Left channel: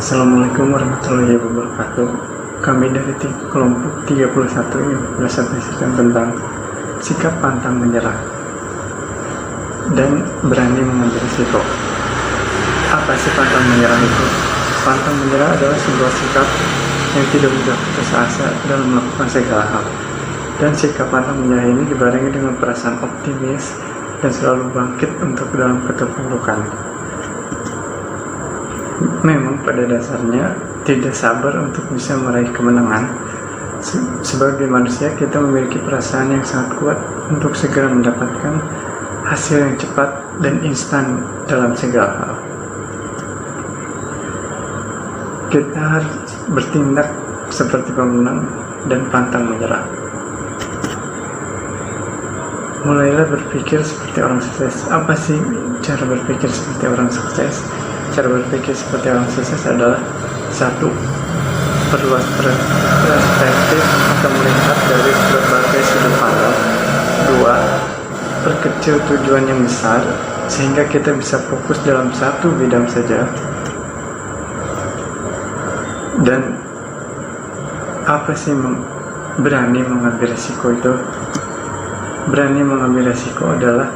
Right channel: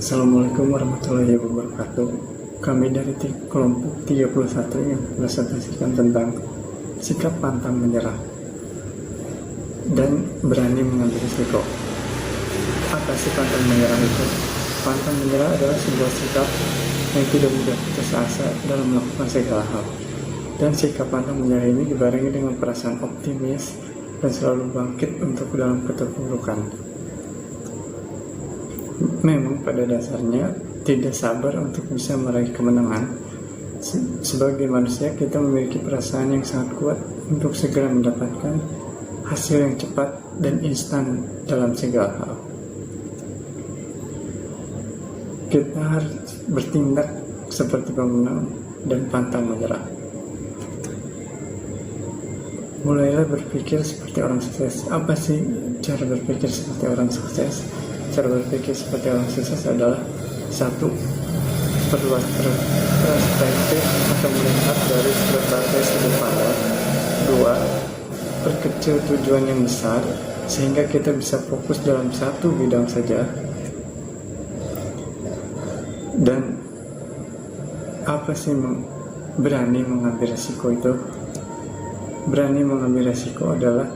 Assalamualaikum warahmatullahi wabarakatuh. Kami dari kelompok 31 yang presentasikan tentang sikap pantang menyerah dan berani mengambil risiko. Apa sih pantang menyerah itu? Pantang menyerah adalah sebuah sikap yang tidak mudah putus asa dalam melakukan segala hal. Dan sikap pantang menyerah ini dibarengi dengan perasaan optimis dan selalu bangkit untuk dalam keterpurukan. Memang pada dasarnya tidak sabar untuk bisa meraih kemenangan. Sebagai manusia kita memiliki perasaan yang sangat kuat untuk segera mendapatkan hasil yang cepat dan instan dalam segala hal. Kita harus bertindak seperti pemenang dan pantang menyerah. Mulailah berpikir seperti orang sukses. Apa sih cara berpikir seperti orang sukses? Cara berpikir seperti orang sukses adalah 1. Perluas perspektif atau melihat dari berbagai sudut pandang. 2. Perkecil tujuan yang besar sehingga kita bisa fokus dalam satu bidang saja. Dan apa sih berani mengambil risiko itu? Berani mengambil risiko adalah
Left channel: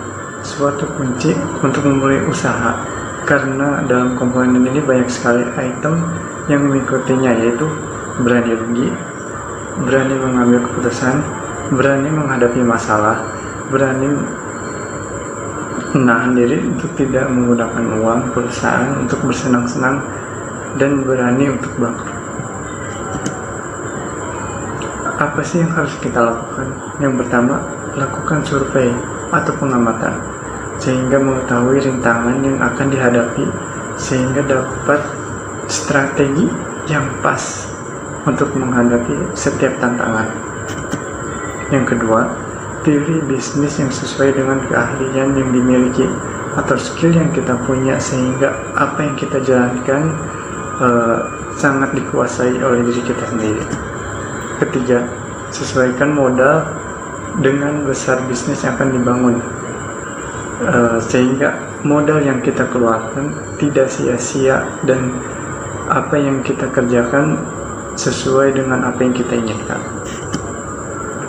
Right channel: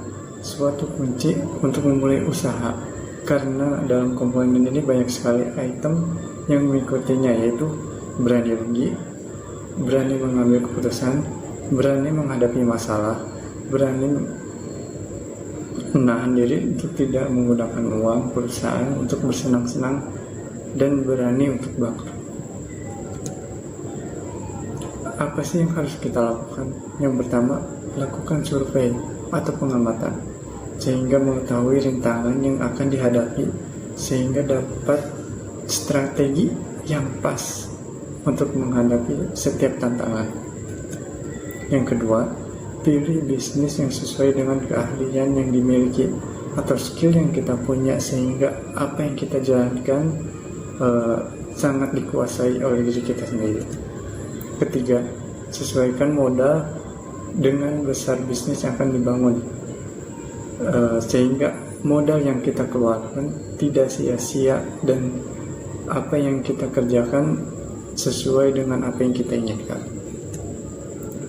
suatu kunci untuk memulai usaha. Karena dalam komponen ini banyak sekali item yang mengikutinya, yaitu berani rugi, berani mengambil keputusan, berani menghadapi masalah, berani menahan diri untuk tidak menggunakan uang perusahaan untuk bersenang-senang, dan berani untuk bangkrut. Apa sih yang harus kita lakukan? Yang pertama, lakukan survei atau pengamatan sehingga mengetahui rintangan yang akan dihadapi, sehingga dapat strategi yang pas untuk menghadapi setiap tantangan. Yang kedua, pilih bisnis yang sesuai dengan keahlian yang dimiliki atau skill yang kita punya, sehingga apa yang kita jalankan sangat dikuasai oleh diri kita sendiri. Ketiga, sesuaikan modal dengan besar bisnis yang akan dibangun, sehingga modal yang kita keluarkan tidak sia-sia dan apa yang kita kerjakan sesuai dengan apa yang kita inginkan.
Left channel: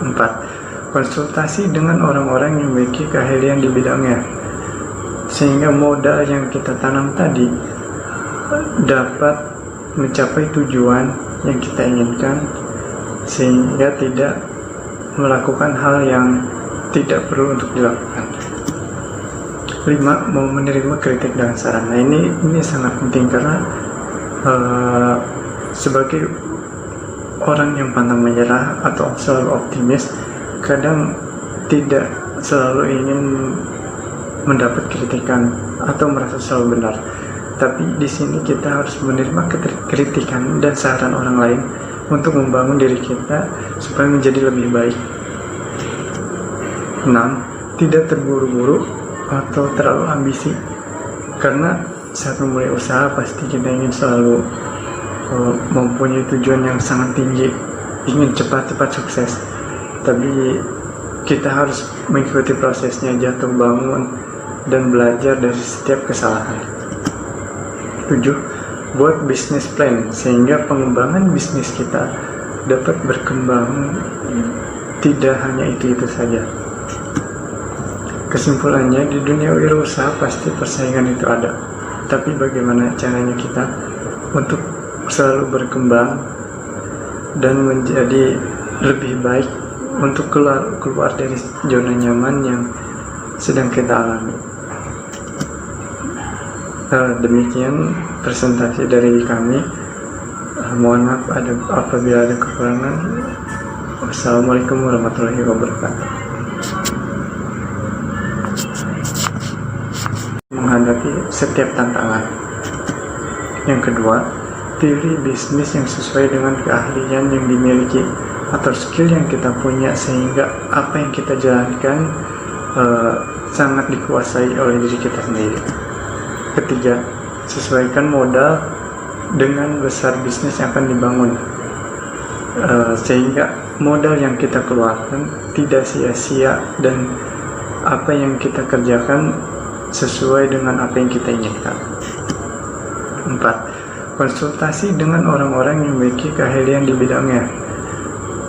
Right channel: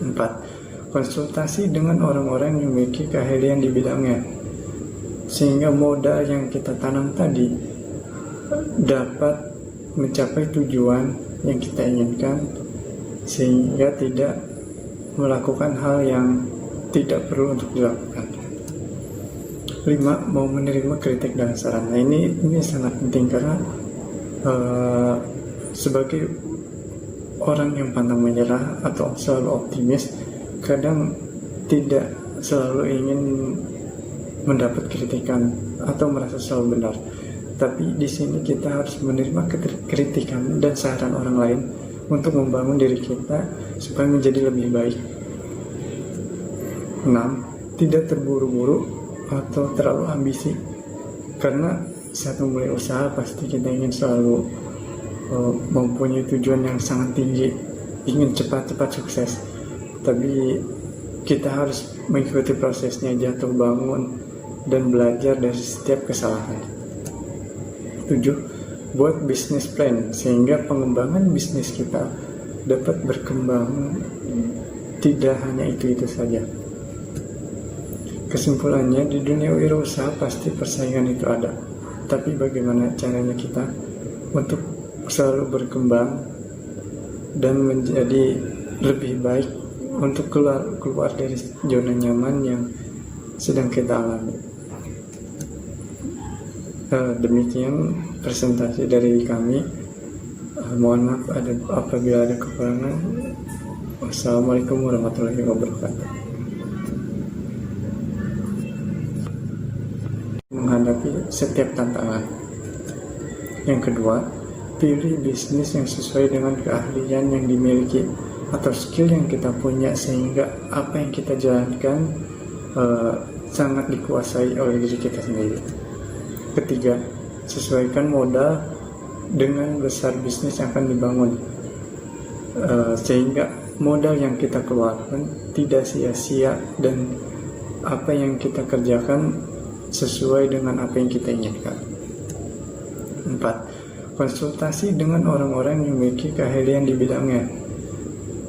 4. Konsultasi dengan orang-orang yang memiliki keahlian di bidangnya, sehingga modal yang kita tanam tadi dapat mencapai tujuan yang kita inginkan, sehingga tidak melakukan hal yang tidak perlu untuk dilakukan. 5. Mau menerima kritik dan saran. Nah, ini sangat penting karena sebagai orang yang pantang menyerah atau selalu optimis, kadang tidak selalu ingin mendapat kritikan atau merasa selalu benar. Tapi di sini kita harus menerima kritikan dan saran orang lain untuk membangun diri kita supaya menjadi lebih baik. 6. Tidak terburu-buru atau terlalu ambisi, karena saat memulai usaha pasti kita ingin selalu mempunyai tujuan yang sangat tinggi, ingin cepat-cepat sukses. Tapi kita harus mengikuti prosesnya, jatuh bangun dan belajar dari setiap kesalahan. 7. Buat bisnis plan sehingga pengembangan bisnis kita dapat berkembang, tidak hanya itu saja. Kesimpulannya, di dunia wirausaha pasti persaingan itu ada, tapi bagaimana caranya kita untuk selalu berkembang dan menjadi lebih baik untuk keluar dari zona nyaman yang sedang kita alami. Demikian presentasi dari kami. Mohon maaf apabila ada kekurangan. Wassalamualaikum warahmatullahi wabarakatuh. Menghadapi setiap tantangan. Yang kedua, pilih bisnis yang sesuai dengan keahlian yang dimiliki atau skill yang kita punya, sehingga apa yang kita jalankan sangat dikuasai oleh diri kita sendiri. Ketiga, sesuaikan modal dengan besar bisnis yang akan dibangun, sehingga modal yang kita keluarkan tidak sia-sia dan apa yang kita kerjakan sesuai dengan apa yang kita inginkan. 4. konsultasi dengan orang-orang yang memiliki keahlian di bidangnya,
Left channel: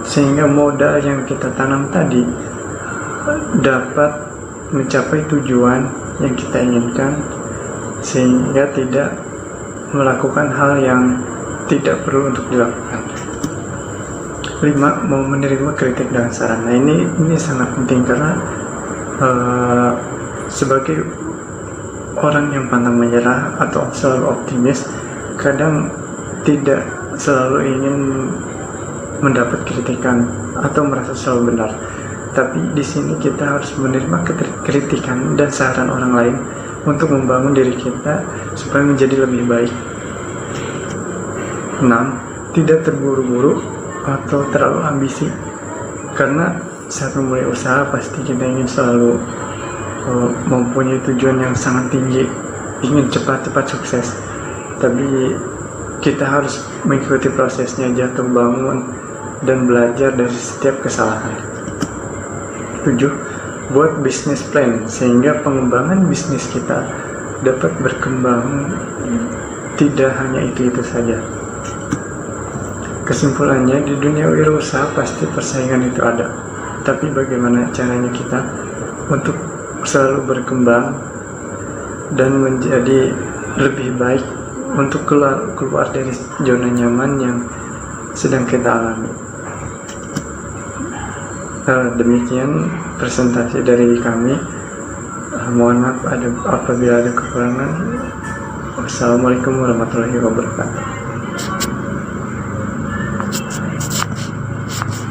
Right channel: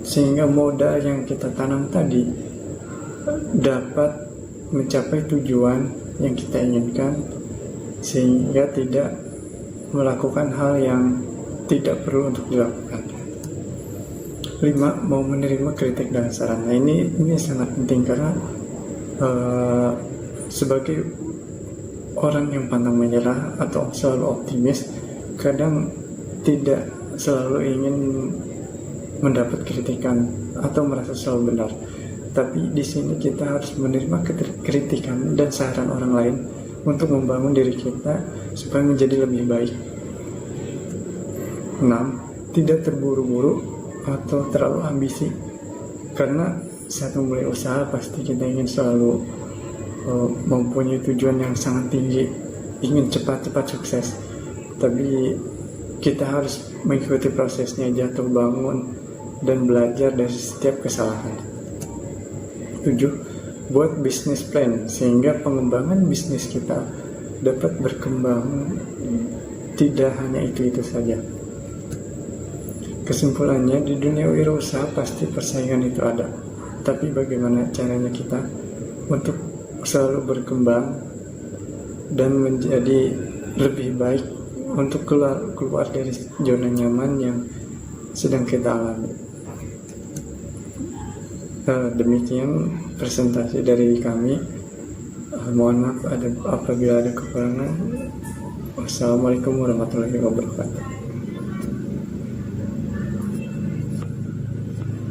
sehingga modal yang kita tanam tadi dapat mencapai tujuan yang kita inginkan, sehingga tidak melakukan hal yang tidak perlu untuk dilakukan. 5. Mau menerima kritik dan saran. Nah, ini sangat penting karena sebagai orang yang pantang menyerah atau selalu optimis, kadang tidak selalu ingin mendapat kritikan atau merasa selalu benar. Tapi di sini kita harus menerima kritikan dan saran orang lain untuk membangun diri kita supaya menjadi lebih baik. 6. Tidak terburu-buru atau terlalu ambisi. Karena saat memulai usaha pasti kita ingin selalu mempunyai tujuan yang sangat tinggi, ingin cepat-cepat sukses. Tapi kita harus mengikuti prosesnya, jatuh bangun dan belajar dari setiap kesalahan. 7. Buat bisnis plan sehingga pengembangan bisnis kita dapat berkembang, tidak hanya itu saja. Kesimpulannya, di dunia wirausaha pasti persaingan itu ada, tapi bagaimana caranya kita untuk selalu berkembang dan menjadi lebih baik untuk keluar dari zona nyaman yang sedang kita alami. Demikian presentasi dari kami. Mohon maaf apabila ada kekurangan. Wassalamualaikum warahmatullahi wabarakatuh.